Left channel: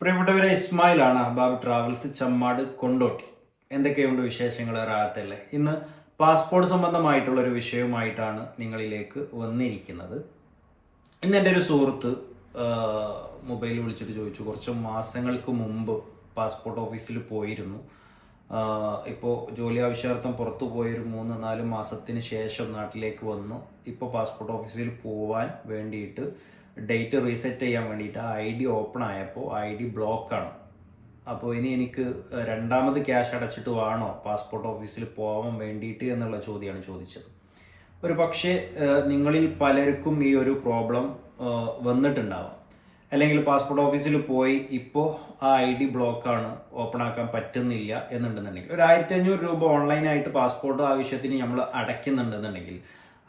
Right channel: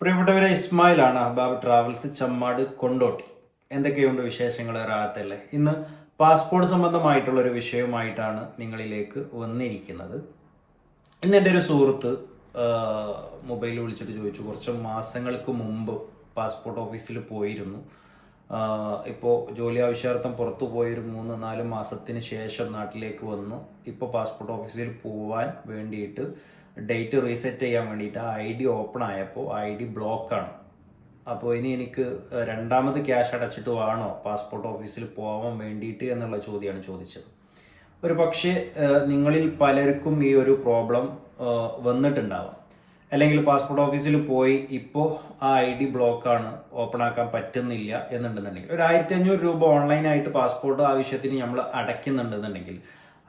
പ്രിയപ്പെട്ടവരെ, ഇസ്മായിലാണ് അഹബാബ് ട്രാവൽസ്, ചമ്മാട്, കൊണ്ടോട്ടി. എന്തൊക്കെയുണ്ട് വിശേഷങ്ങൾ? റാഹത്തല്ലേ? ഇന്ന് പാസ്പോർട്ട് സംബന്ധമായിട്ടുള്ള ഒരു വിഷയവുമായിട്ടാണ് നിങ്ങളിലേക്ക് വന്നിരിക്കുന്നത്. ഇന്ന് എൻ്റെ ഒരു സുഹൃത്ത് മൊബൈലിൽ വിളിച്ചിട്ട് ചോദിച്ചു, കുറച്ച് മാസങ്ങൾക്ക് മുമ്പ് പാസ്പോർട്ട് ഓഫീസിൽ പോയിരുന്നു. ഇപ്പോൾ ജോലി ആവശ്യാർത്ഥം പുറത്തു പോയൊരു 3-4 മാസത്തിന് ശേഷം നാട്ടിലേക്ക് വന്നു. ഇപ്പോൾ പാസ്പോർട്ട് ഓഫീസിൽ പോവാൻ വേണ്ടിയിട്ട് ഡേറ്റ് റീസെറ്റ് ചെയ്യാൻ വേണ്ടിയിട്ട് ID ഓപ്പൺ ആയപ്പോൾ ID ബ്ലോക്കാണ്. അപ്പോൾ ഇനി എനിക്ക് രണ്ടാമത് ക്യാഷ് അടച്ചിട്ട് വേണോ പാസ്പോർട്ട് ഓഫീസിൽ പോകാൻ വേണ്ടിയിട്ട് എന്നുള്ള ചോദ്യമാണ് ചോദിച്ചത്. ഒരു പക്ഷേ നിങ്ങളിൽ പലർക്കും ഈ ഒരു പ്രോബ്ലം വന്നിട്ടുണ്ടാവാം. അല്ലെങ്കിൽ പാസ്പോർട്ട് ഓഫീസിൽ പോയി ഇപ്പോൾ ആ ID ബ്ലോക്കാണ്, ഓപ്പൺ ആക്കാൻ പറ്റുന്നില്ല എന്നുണ്ടെന്നുണ്ടെങ്കിൽ, ഒരു 1500 രൂപ ഓൺലൈനായിട്ട് പാസ്പോർട്ട് ആവശ്യത്തിന് നമ്മൾ അടയ്ക്കുന്നുണ്ടെന്നുണ്ടെങ്കിൽ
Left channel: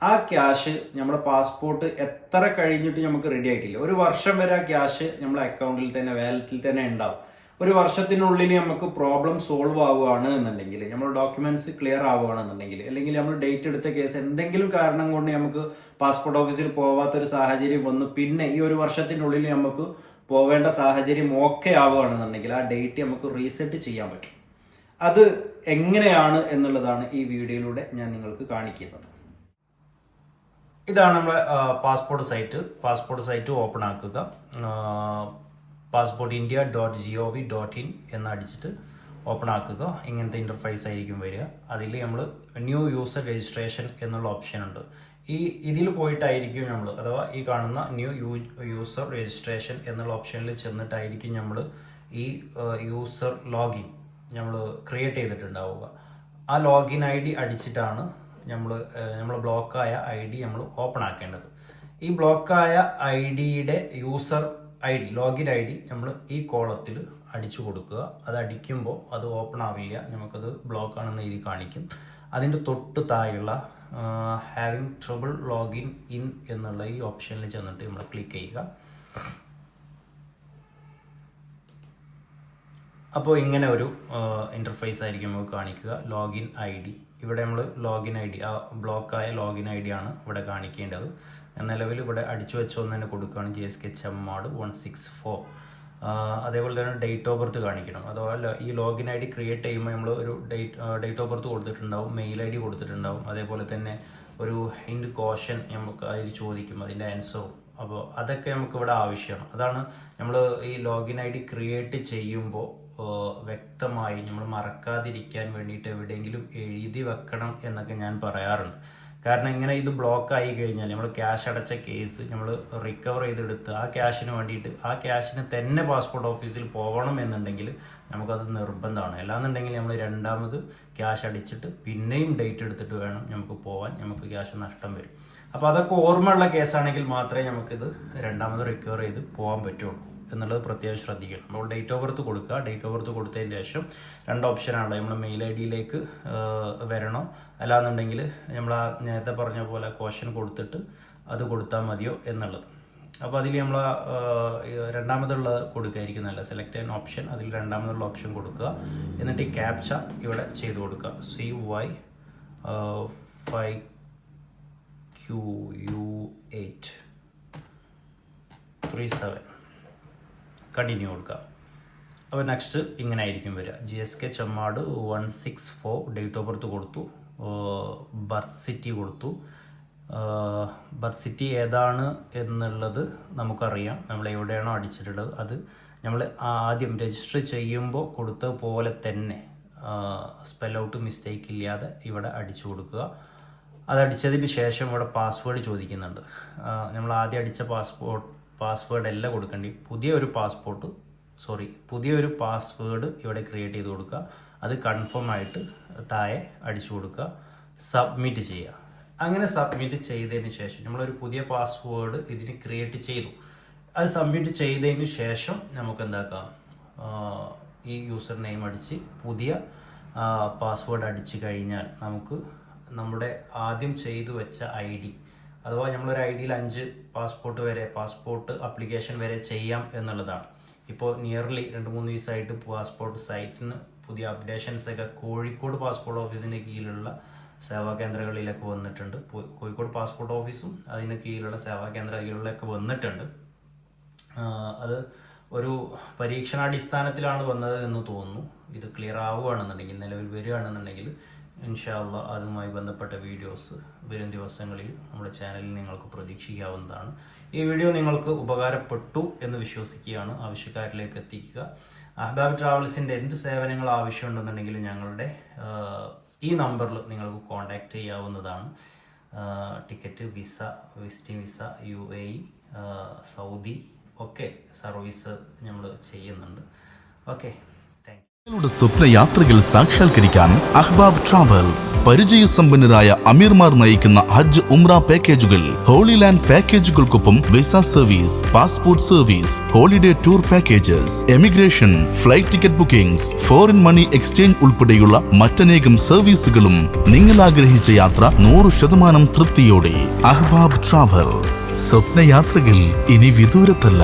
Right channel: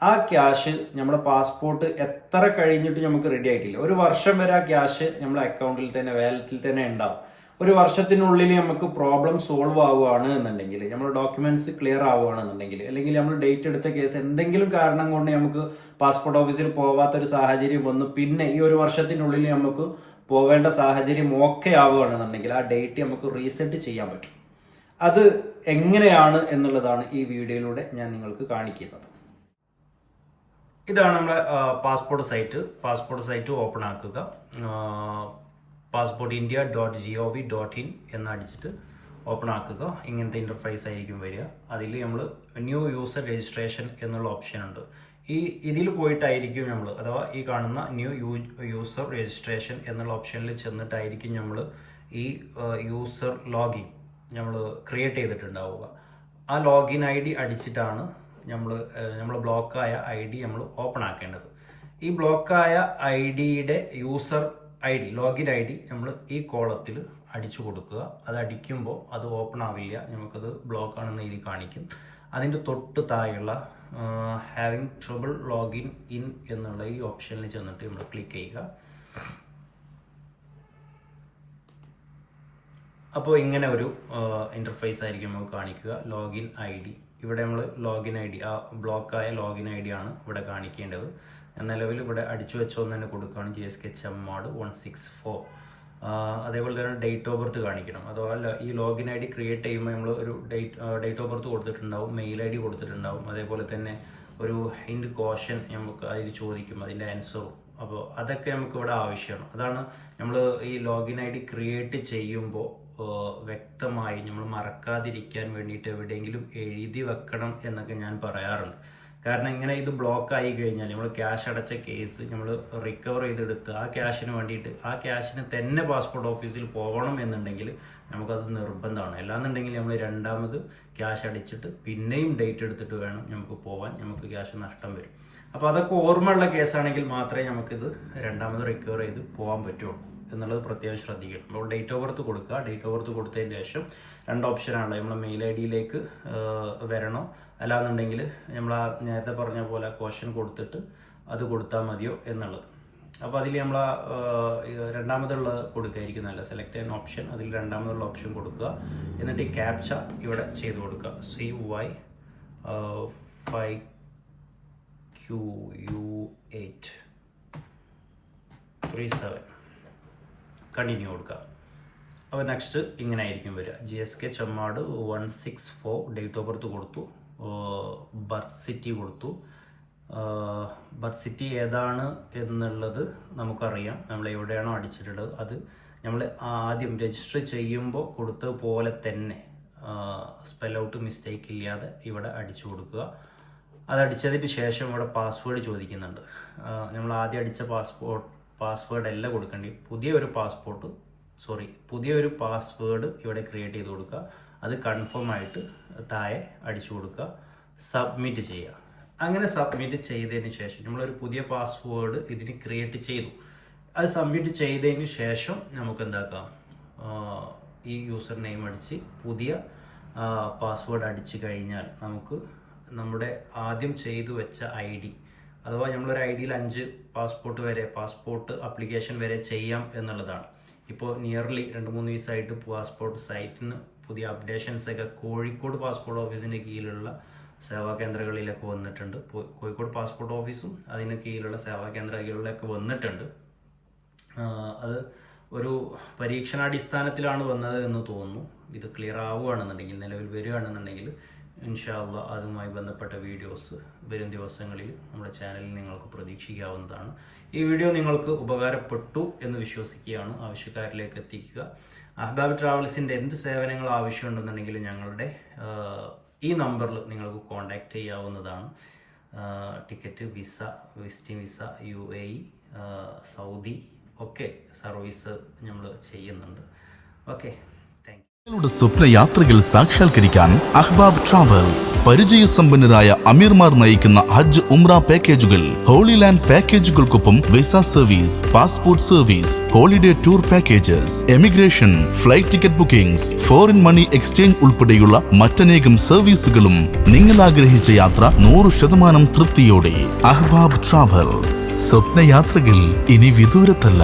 ആ ക്യാഷ് നമ്മുടെ പാസ്പോർട്ട് എത്ര കഴിഞ്ഞിട്ട് നമുക്ക് റെഡി ആയിട്ടില്ല, ഒരു വർഷം വരെ ആ ക്യാഷ് നമ്മുടെ അക്കൗണ്ടിൽ തന്നെ, വാലറ്റിൽ തന്നെ ഉണ്ടാവും. ഒരു വർഷത്തിനുള്ളിൽ നമുക്ക് പ്രോബ്ലം സോൾവ് ആവുകയാണ് എന്നുണ്ടെങ്കിൽ, നമ്മൾ ഡോക്യുമെന്റ്സ് ക്ലിയർ ആവുകയാണെന്നുണ്ടെങ്കിൽ, അല്ലെങ്കിൽ നമ്മൾ ഡേറ്റ് എടുത്ത കേസ് എന്തെങ്കിലും കാരണം കൊണ്ട് നമുക്ക് പാസ്പോർട്ട് ഓഫീസിൽ പോവാത്തൊരു സാഹചര്യം വന്നു, പിന്നെ ഈ ഒരു വർഷത്തിനുള്ളിൽ നമുക്ക് പോവേണ്ട സാഹചര്യം ഓക്കെ ആവുകയാണെന്നുണ്ടെങ്കിൽ ആ ഡേറ്റ് നമുക്ക് റീസെറ്റ് ചെയ്യാൻ പറ്റും. അത് എങ്ങനെയാണ് എന്നുള്ളതാണ് ഈ വീഡിയോയിലൂടെ ഞാൻ നിങ്ങൾക്ക് കാണിക്കുന്നത്. ഇതാണ് നമ്മുടെ പാസ്പോർട്ട് സൈറ്റ് ഓപ്പൺ ആക്കുക. passportindia.gov.in എന്ന് അടിച്ചിട്ട് ഓപ്പൺ ആക്കുക. ഇങ്ങനത്തെ ഇൻ്റർഫേസ് ആയിരിക്കും വരിക. അതിൽ നമ്മൾ ന്യൂ യൂസർ രജിസ്ട്രേഷൻ എന്നുള്ള ഓപ്ഷൻ ഉണ്ട്. ഇതിൽ പോയിട്ടായിരിക്കും നമ്മൾ, അഥവാ ഈ കാണുന്ന ന്യൂ യൂസർ രജിസ്ട്രേഷൻ എന്നുള്ള ഓപ്ഷനിൽ ചെന്നിട്ടായിരിക്കും നമ്മൾ ഈ യൂസർ ലോഗിൻ നമ്മൾ ക്രിയേറ്റ് ചെയ്തിട്ടുണ്ടാവുക. ആ ലോഗിൻ ID അടിച്ചിട്ടാണ് നമ്മൾ ബ്ലോക്കായ ID നമ്മൾ ഓപ്പൺ ആക്കേണ്ടത്. ഈ ബ്ലോക്കായ IDയുടെ യൂസർ ലോഗിൻ ID നമ്മൾ ഈ കോളത്തിൽ അടിച്ചു കൊടുക്കുക. അത് അടിക്കുമ്പോൾ അത് ഓപ്പൺ ആവില്ല, നമുക്കത് ബ്ലോക്ക് ആണെന്ന് എഴുതി കാണിക്കും. അതിൻ്റെ തൊട്ട് താഴെയുള്ള ഹാവിങ് ട്രബിൾ ലോഗിൻ ഇൻ എന്നുള്ള ഈ ഓപ്ഷനിൽ ചെന്നിട്ട് നമ്മൾ ക്ലിക്ക് ചെയ്യുക. അപ്പോൾ ഇങ്ങനെ ഒരു ഇൻ്റർഫേസ് ആയിരിക്കും നമുക്ക് കാണിക്കുക. ലോഗിൻ ID, ഇവിടെ നമ്മൾ ലോഗിൻ ID, ആ ബ്ലോക്കായ ലോഗിൻ ID ആണ് ഇവിടെ കാണിക്കേണ്ടത്. നിലവിൽ ഇവിടെ അടിച്ചു വെച്ചോന്ന് തന്നെ കൊടുക്കുകയാണ്, JSK ചമ്മാട് 164. അതേപോലെ തന്നെ ഡേറ്റ് ഓഫ് ബർത്ത് കാണിക്കണം. അഥവാ ഈ ലോഗിൻ ID ക്രിയേറ്റ് ചെയ്യുമ്പോൾ നമ്മൾ ഒരു ഡേറ്റ് ഓഫ് ബർത്ത് കൊടുത്തിട്ടുണ്ടാവും, മെയിൽ ID കൊടുത്തിട്ടുണ്ടാവും, അതേപോലെ തന്നെ ഒരു ഹിൻഡ് ക്വസ്റ്റ്യൻ നമുക്ക് അതിൽ ചോദിക്കും, അതിൻ്റെ ആൻസറും. അപ്പോൾ അതൊക്കെ നമുക്ക് ഇവിടെ ആവശ്യമാണ്. അതാണ് നമ്മൾ ഈ ലോഗിൻ ID ക്രിയേറ്റ് ചെയ്യുമ്പോൾ വ്യക്തമായി നമ്മൾ മറക്കാതിരിക്കാൻ വേണ്ടിയിട്ട് എവിടെയെങ്കിലും എഴുതി വെക്കണം എന്നൊക്കെ ഞാൻ പറയാറുണ്ട്. കാരണം ഇങ്ങനെ ഇത് ബ്ലോക്ക് ആയി കഴിഞ്ഞാൽ നമ്മൾ ക്യാഷ് അടച്ച കേസ് നമ്മൾ റിക്കവർ ചെയ്തെടുത്ത് ആ ക്യാഷിന് വേണ്ടിയിട്ട്, ആ ക്യാഷിന് തന്നെ പാസ്പോർട്ട് ഓഫീസിൽ പോകണം എന്നുണ്ടെങ്കിൽ നമുക്കത് നിർബന്ധമാണ്. അല്ലാന്നുണ്ടെങ്കിൽ നമ്മൾ രണ്ടാമത് ക്യാഷ് അടിച്ചിട്ട് പിന്നെയും ഡേറ്റ് എടുത്തിട്ട് വേണം നമുക്ക് പോകാൻ, നമുക്ക് ക്യാഷ് നഷ്ടം വരും. അപ്പോൾ അതൊക്കെ ഓർമ്മയുള്ള കേസാണെങ്കിൽ മാത്രമേ നമുക്കിത് രണ്ടാമത് റിക്കവർ ചെയ്ത് പോകാൻ പറ്റുള്ളൂ എന്നുള്ളത് പ്രത്യേകം ശ്രദ്ധിക്കണം. അപ്പോൾ ഡേറ്റ് ഓഫ് ബർത്ത് കൊടുക്കുക. ഡേറ്റ് ഓഫ് ബർത്ത് കൊടുത്തതിന് ശേഷം 2 ഓപ്ഷനാണ്, നമ്മുടെ മെയിൽ IDയിലേക്ക് വരണോ, അല്ലാന്നുണ്ടെങ്കിൽ നമ്മൾ ആ നേരത്തെ പറഞ്ഞ പോലെ ക്വസ്റ്റ്യൻ കൊടുത്തിട്ട് അത് കൊടുത്താൽ മതിയോ എന്നുള്ളത്. അപ്പോൾ അതിൽ നമ്മൾ രണ്ടാമതുള്ളത് കൊടുക്കുകയായിരിക്കും നല്ല. സെലക്ട് ആൻ ഓപ്ഷൻ, അതിൽ രണ്ടാമതുള്ള ഓപ്ഷൻ കൊടുക്കുക. എന്നിട്ട് ഈ ക്യാപ്ച ഇവിടെ ചെയ്ത് കൊടുക്കുക. CY5QU837 കണ്ടിന്യൂ കൊടുക്കുക. അപ്പോൾ നെക്സ്റ്റ് ഇങ്ങനെ ആയിരിക്കും വരിക. JSK Chemmad 164 date of birth കൊടുത്തു, ബർത്ത് സിറ്റി കൊടുത്തു. ബർത്ത് സിറ്റി ഏതാണ് എന്നുള്ളത് നമുക്കറിയാം, നമ്മൾ എവിടെയാണോ അടിച്ചിട്ടുള്ളത് അത് നമ്മൾ ആദ്യം രജിസ്റ്റർ ചെയ്യുമ്പോൾ കൊടുത്ത പോലെ തന്നെ സ്പെൽ ഔട്ട് മിസ്റ്റേക്ക് ഇല്ലാതെ ഇവിടെ അടിച്ചു കൊടുക്കുക. അതടിച്ചതിന് ശേഷം ഇവിടെ പാസ്വേഡ് ചോദിക്കുന്നുണ്ട്. നമ്മൾ ആദ്യം അടിച്ച പാസ്വേഡ് അല്ല കൊടുക്കേണ്ടി, പുതിയൊരു പാസ്വേഡ് ഇവിടെ ക്രിയേറ്റ് ചെയ്ത് കൊടുക്കുക. അത് കൺഫേം ആയിട്ട് താഴെ അടിച്ചു കൊടുക്കുക, സബ്മിറ്റ് ചെയ്യുക. അങ്ങനെ സബ്മിറ്റ് ചെയ്തതിന് ശേഷം നമ്മളൊരു പുതിയ പാസ്വേഡ് ഇതിന് ക്രിയേറ്റ് ചെയ്തു. അത് സബ്മിറ്റ് ചെയ്തതിന് ശേഷം നമുക്ക് എന്താക്കാം, ഈ യൂസർ നെയിം അടിച്ച് പുതിയ പാസ്വേഡ് അടിച്ചു കഴിഞ്ഞാൽ നമുക്ക് നമ്മുടെ ആദ്യം ചെയ്തു വെച്ച ID, അഥവാ നമ്മളൊരു IDയിൽ 5 പാസ്പോർട്ട് ആപ്ലിക്കേഷൻ വരെ ചെയ്യാം എന്നുള്ളതാണ്. ഇപ്പോൾ നിയർലി 2-3 ദിവസമായിട്ട് പാസ്പോർട്ട് സൈറ്റിന് പുതിയ അപ്ഡേഷൻസ് ഒക്കെ കോഴിക്കോട് പാസ്പോർട്ട് ഓഫീസിൻ്റെ കീഴിലുള്ള സേവാ കേന്ദ്രങ്ങളിലൊക്കെ വന്നിട്ടുണ്ട്. കോഴിക്കോട് പാസ്പോർട്ട് ഓഫീസും അതിന് കീഴിലുള്ള സേവാ കേന്ദ്രങ്ങളിലൊക്കെ വന്നിട്ടുണ്ട്. അത് ഒരു പരീക്ഷണാടിസ്ഥാനത്തിലാണ് വന്നത് എന്ന് തോന്നുന്നു. ഇത് ക്ലിയർ ആവുകയാണെന്നുണ്ടെങ്കിൽ, നിലവിൽ വരികയാണെന്നുണ്ടെങ്കിൽ ഇൻഷാ അല്ലാഹ് അതുമായി ബന്ധപ്പെട്ട വീഡിയോസ് വരും ദിവസങ്ങളിൽ നമ്മുടെ ചാനലിൽ നിങ്ങൾക്ക് പ്രതീക്ഷിക്കാവുന്നതാണ്. ഈ വീഡിയോ നിങ്ങൾക്ക് ഉപകാരപ്പെട്ടു എന്ന് വിശ്വസിക്കുകയാണ്. ആവശ്യക്കാരിലേക്ക് എത്തിക്കുക. അഹ്ബാബ് ട്രാവൽസിൻ്റെ എന്ത് സേവനങ്ങൾ ആവശ്യമുണ്ടെന്നുണ്ടെങ്കിൽ ഞങ്ങളുടെ ഈ നമ്പറിൽ നിങ്ങൾക്ക് കോൺടാക്റ്റ് ചെയ്യാവുന്നതാണ്. Ticket, visa, visiting visa, UAE, Saudi ഒക്കെ സർവീസ് നമ്മൾ ചെയ്യുന്നുണ്ട്. Okay, thank you. നിങ്ങളുടെ സ്വപ്ന യാത്രകൾ സാക്ഷാത്കരിക്കാൻ അഹ്ബാബ് ട്രാവൽസ് പരിചയസമ്പന്നരായ അമീർമാർ നയിക്കുന്ന ഹജ്ജ് ഉംറ പാക്കേജുകൾ, ഹോളി ലാൻഡ് പാക്കേജുകൾക്കൊപ്പം visa service, passport service, holiday tour packages, emigration, flight ticket bookings, foreign money exchange ഉൾപ്പെടെയുള്ള മറ്റനേകം സർവീസുകളും. നിങ്ങൾ ആഗ്രഹിച്ച യാത്ര 100% തൃപ്തിയോടെ. അഹ്ബാബ് ട്രാവൽസ്. സ്വപ്നയാത്രകൾ ഇനി വിദൂരത്തല്ല.